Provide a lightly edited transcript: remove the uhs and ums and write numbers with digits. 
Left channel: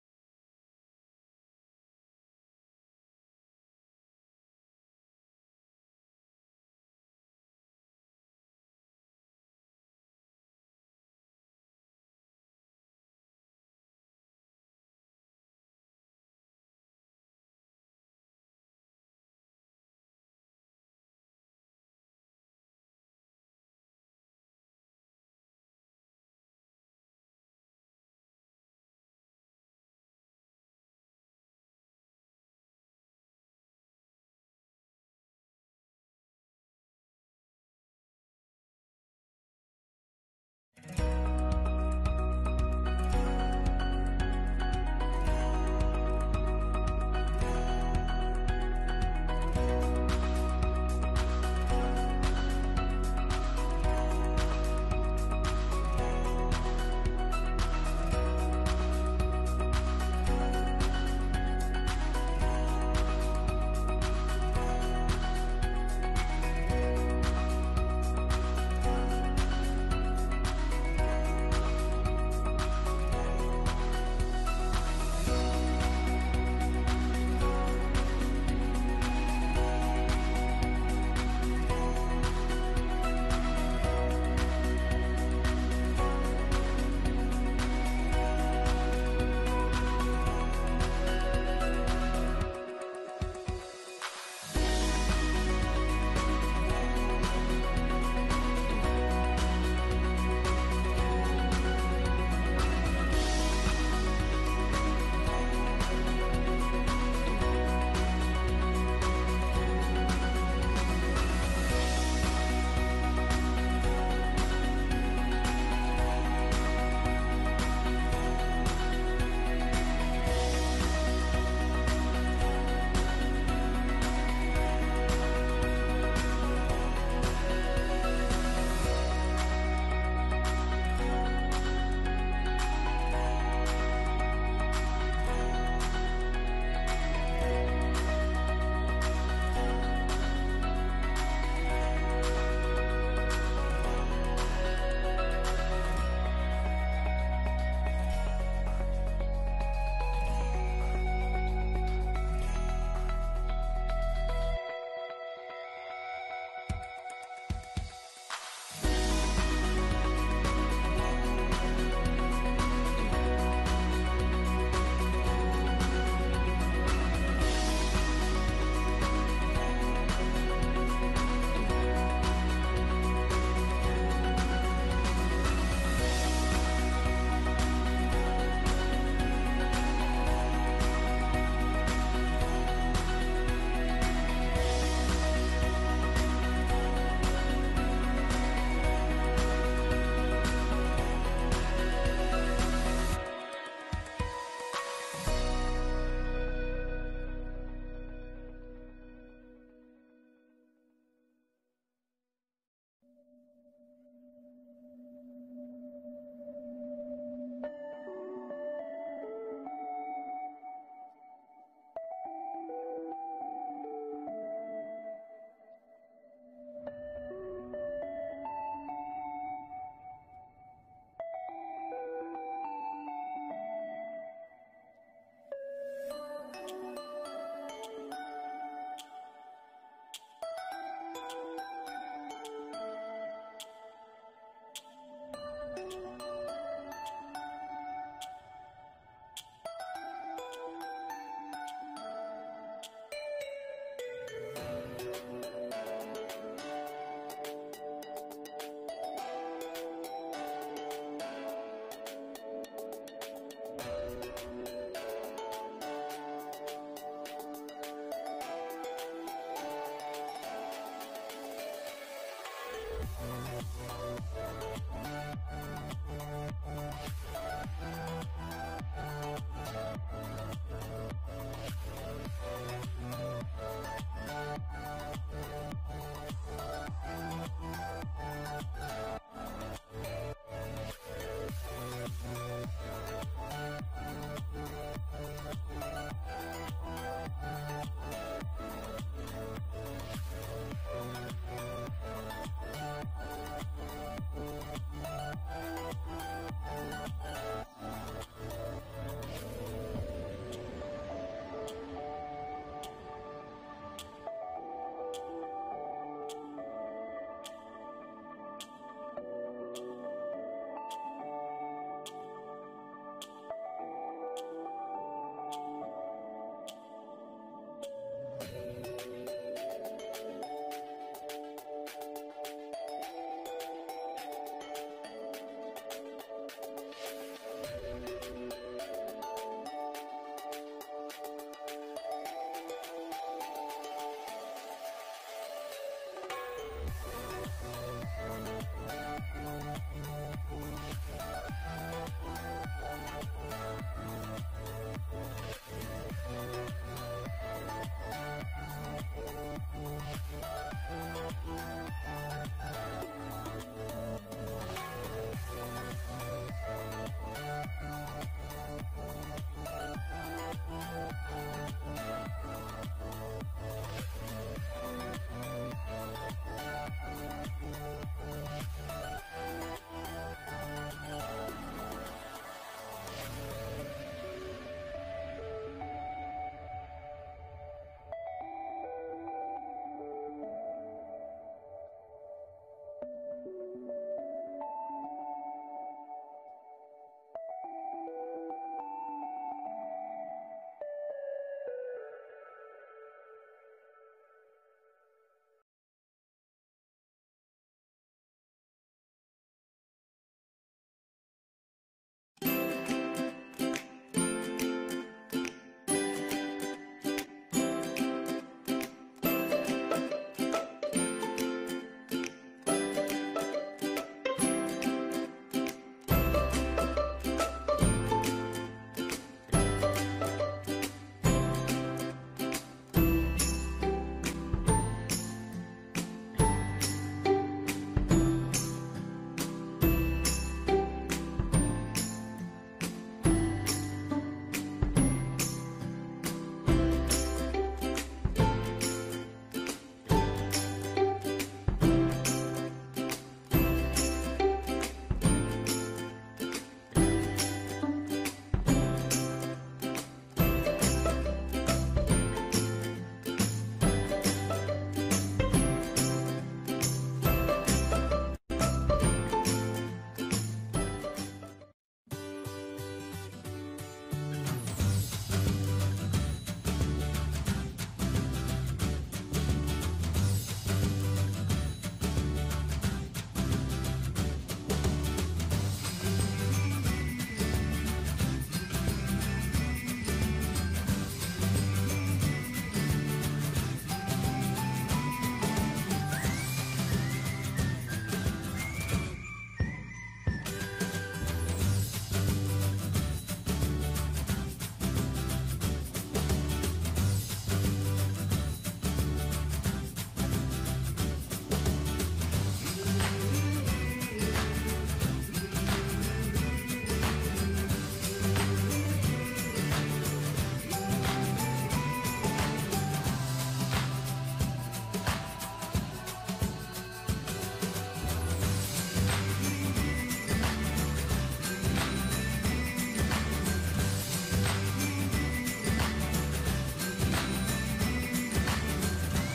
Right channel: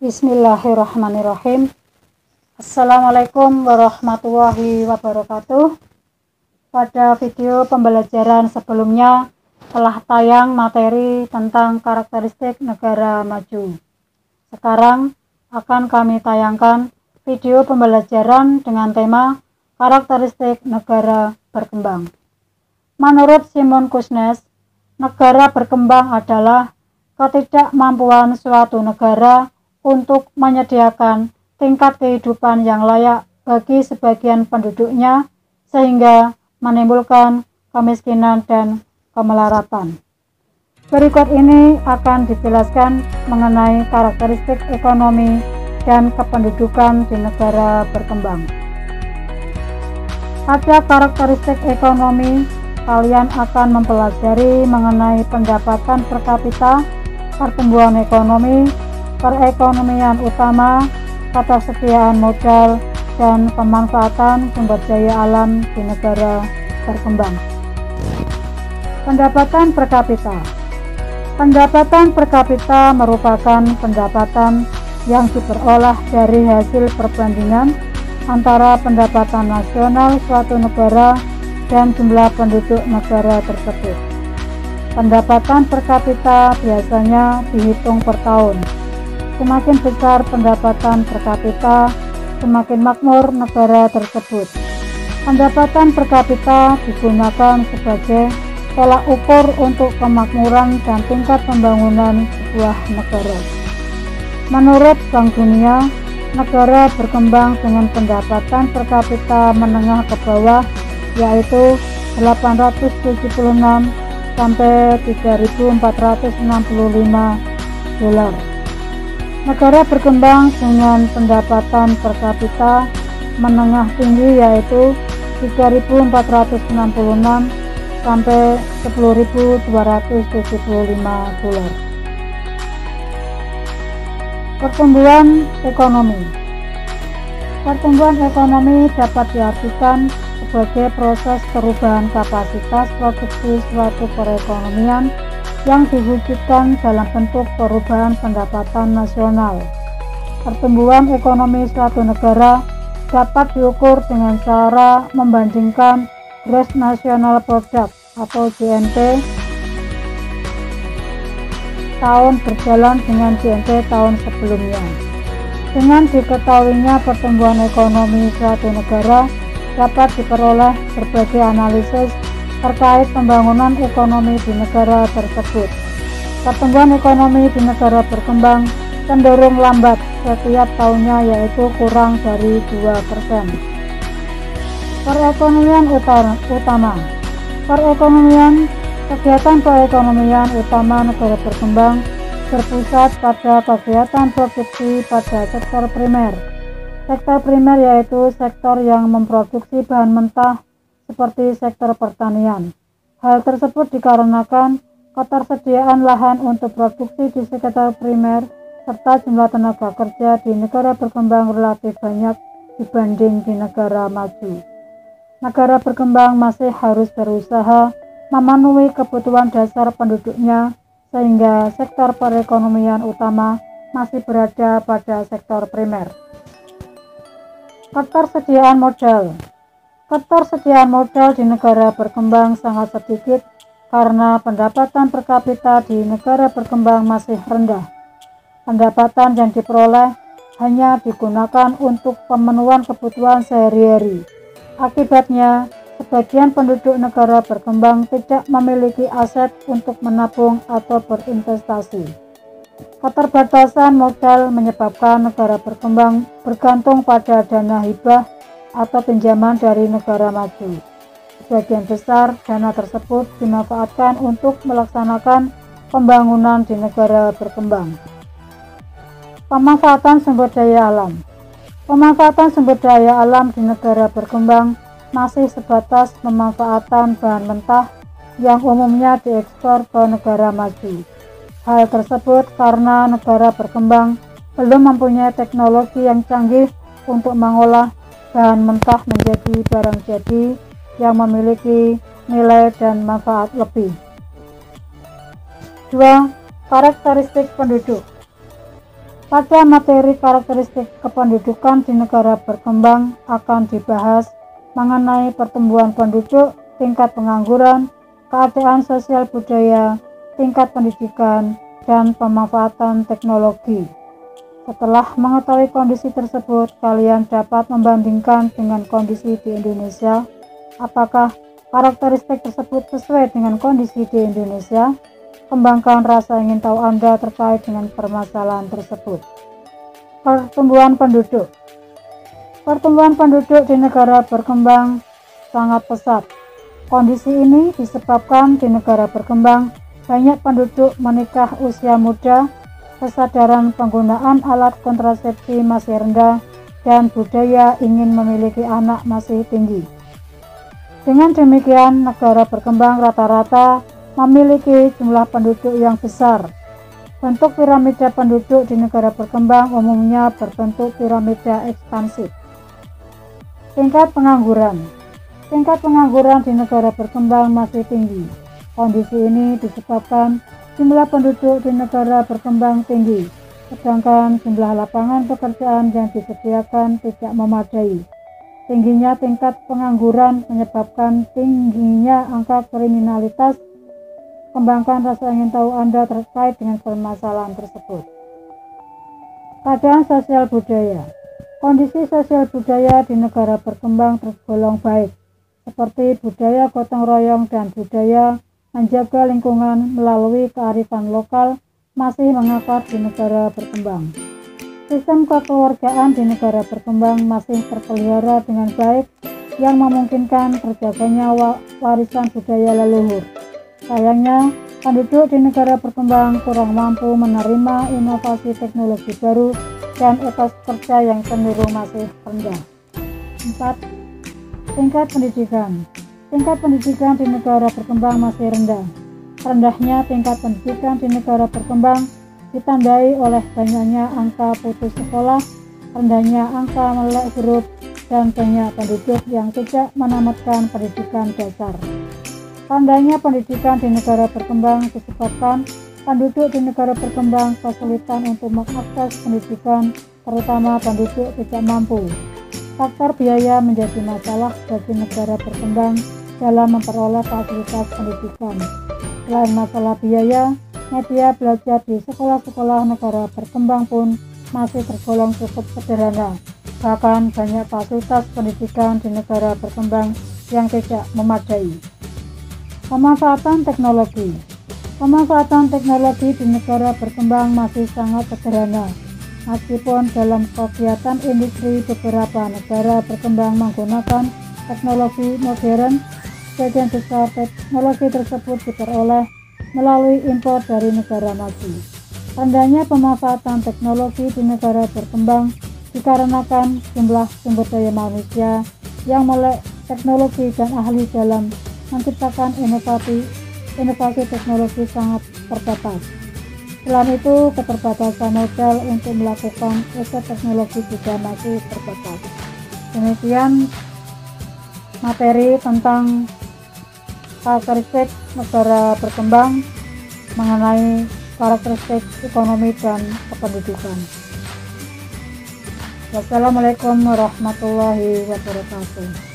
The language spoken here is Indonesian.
Bismillahirrahmanirrahim. Assalamualaikum warahmatullahi wabarakatuh. Pada video pembelajaran sebelumnya telah tayang materi tentang karakteristik negara maju. Sekarang akan kami tayangkan video pembelajaran dengan tema karakteristik negara berkembang. Menurut Simon Kuznets, negara berkembang adalah ketidakmampuan suatu negara untuk menyediakan tingkat kehidupan yang layak bagi sebagian penduduknya sehingga menimbulkan kemiskinan dan kemelaratan. Berikut ini akan dijelaskan mengenai karakteristik ekonomi dan kependudukan di negara berkembang. Pada karakteristik ekonomi, kalian akan mempelajari mengenai pendapatan per kapita, pertumbuhan ekonomi, perekonomian utama, ketersediaan modal, dan pemanfaatan sumber daya alam di negara berkembang. Pendapatan per kapita. Pendapatan per kapita merupakan pendapatan yang diperoleh dari hasil perbandingan antara pendapatan nasional suatu negara dan jumlah penduduk negara tersebut. Pendapatan per kapita biasanya dihitung per tahun. Semakin besar pendapatan per kapita, semakin makmur negara tersebut. Pendapatan per kapita digunakan sebagai tolak ukur untuk kemakmuran dan tingkat pembangunan sebuah negara. Menurut Bank Dunia, negara berkembang dengan pendapatan per kapita menengah ke bawah yaitu 876 sampai 3.465 dolar. Negara berkembang dengan pendapatan per kapita menengah tinggi yaitu 3.466 sampai 10.275 dolar. Pertumbuhan ekonomi. Pertumbuhan ekonomi dapat diartikan sebagai proses perubahan kapasitas produksi suatu perekonomian yang diwujudkan dalam bentuk perubahan pendapatan nasional. Pertumbuhan ekonomi suatu negara dapat diukur dengan cara membandingkan Gross National Product atau GNP tahun berjalan dengan GNP tahun sebelumnya. Dengan diketahuinya pertumbuhan ekonomi suatu negara dapat diperoleh berbagai analisis terkait pembangunan ekonomi di negara tersebut. Pertumbuhan ekonomi di negara berkembang cenderung lambat setiap tahunnya yaitu kurang dari 2%. Perekonomian utama. Kegiatan perekonomian utama negara berkembang berpusat pada kegiatan produksi pada sektor primer. Sektor primer yaitu sektor yang memproduksi bahan mentah seperti sektor pertanian. Hal tersebut dikarenakan ketersediaan lahan untuk produksi di sektor primer serta jumlah tenaga kerja di negara berkembang relatif banyak dibanding di negara maju. Negara berkembang masih harus berusaha memenuhi kebutuhan dasar penduduknya sehingga sektor perekonomian utama masih berada pada sektor primer. Ketersediaan modal. Ketersediaan modal di negara berkembang sangat sedikit karena pendapatan per kapita di negara berkembang masih rendah. Pendapatan yang diperoleh hanya digunakan untuk pemenuhan kebutuhan sehari-hari. Akibatnya, sebagian penduduk negara berkembang tidak memiliki aset untuk menabung atau berinvestasi. Keterbatasan modal menyebabkan negara berkembang bergantung pada dana hibah atau pinjaman dari negara maju. Sebagian besar dana tersebut dimanfaatkan untuk melaksanakan pembangunan di negara berkembang. Pemanfaatan sumber daya alam. Pemanfaatan sumber daya alam di negara berkembang masih sebatas pemanfaatan bahan mentah yang umumnya diekspor ke negara maju. Hal tersebut karena negara berkembang belum mempunyai teknologi yang canggih untuk mengolah bahan mentah menjadi barang jadi yang memiliki nilai dan manfaat lebih. 2. Karakteristik penduduk. Pada materi karakteristik kependudukan di negara berkembang akan dibahas mengenai pertumbuhan penduduk, tingkat pengangguran, keadaan sosial budaya, tingkat pendidikan, dan pemanfaatan teknologi. Setelah mengetahui kondisi tersebut, kalian dapat membandingkan dengan kondisi di Indonesia. Apakah karakteristik tersebut sesuai dengan kondisi di Indonesia? Kembangkan rasa ingin tahu Anda terkait dengan permasalahan tersebut. Pertumbuhan penduduk. Pertumbuhan penduduk di negara berkembang sangat pesat. Kondisi ini disebabkan di negara berkembang banyak penduduk menikah usia muda, kesadaran penggunaan alat kontrasepsi masih rendah, dan budaya ingin memiliki anak masih tinggi. Dengan demikian, negara berkembang rata-rata memiliki jumlah penduduk yang besar. Bentuk piramida penduduk di negara berkembang umumnya berbentuk piramida ekspansif. Tingkat pengangguran. Tingkat pengangguran di negara berkembang masih tinggi. Kondisi ini disebabkan jumlah penduduk di negara berkembang tinggi, sedangkan jumlah lapangan pekerjaan yang disediakan tidak memadai. Tingginya tingkat pengangguran menyebabkan tingginya angka kriminalitas. Kembangkan rasa ingin tahu Anda terkait dengan permasalahan tersebut. Keadaan sosial budaya. Kondisi sosial budaya di negara berkembang tergolong baik, seperti budaya gotong royong dan budaya menjaga lingkungan melalui kearifan lokal masih mengakar di negara berkembang. Sistem kekeluargaan di negara berkembang masih terpelihara dengan baik yang memungkinkan terjaganya warisan budaya leluhur. Sayangnya, penduduk di negara berkembang kurang mampu menerima inovasi teknologi baru dan etos kerja yang cenderung masih rendah. 4. Tingkat pendidikan. Tingkat pendidikan di negara berkembang masih rendah. Rendahnya tingkat pendidikan di negara berkembang ditandai oleh banyaknya angka putus sekolah, rendahnya angka melek huruf, dan banyak penduduk yang tidak menamatkan pendidikan dasar. Rendahnya pendidikan di negara berkembang disebabkan penduduk di negara berkembang kesulitan untuk mengakses pendidikan, terutama penduduk tidak mampu. Faktor biaya menjadi masalah bagi negara berkembang dalam memperoleh fasilitas pendidikan. Selain masalah biaya, media belajar di sekolah-sekolah negara berkembang pun masih tergolong cukup sederhana. Bahkan banyak fasilitas pendidikan di negara berkembang yang tidak memadai. Pemanfaatan teknologi. Pemanfaatan teknologi di negara berkembang masih sangat sederhana. Meskipun dalam kegiatan industri beberapa negara berkembang menggunakan teknologi modern, sebagian besar teknologi tersebut diperoleh melalui impor dari negara maju. Rendahnya pemanfaatan teknologi di negara berkembang dikarenakan jumlah sumber daya manusia yang melek teknologi dan ahli dalam menciptakan inovasi teknologi sangat terbatas. Selain itu, keterbatasan modal untuk melakukan riset teknologi juga masih terbatas. Demikian materi tentang karakteristik negara berkembang mengenai karakteristik ekonomi dan kependudukan. Wassalamualaikum warahmatullahi wabarakatuh.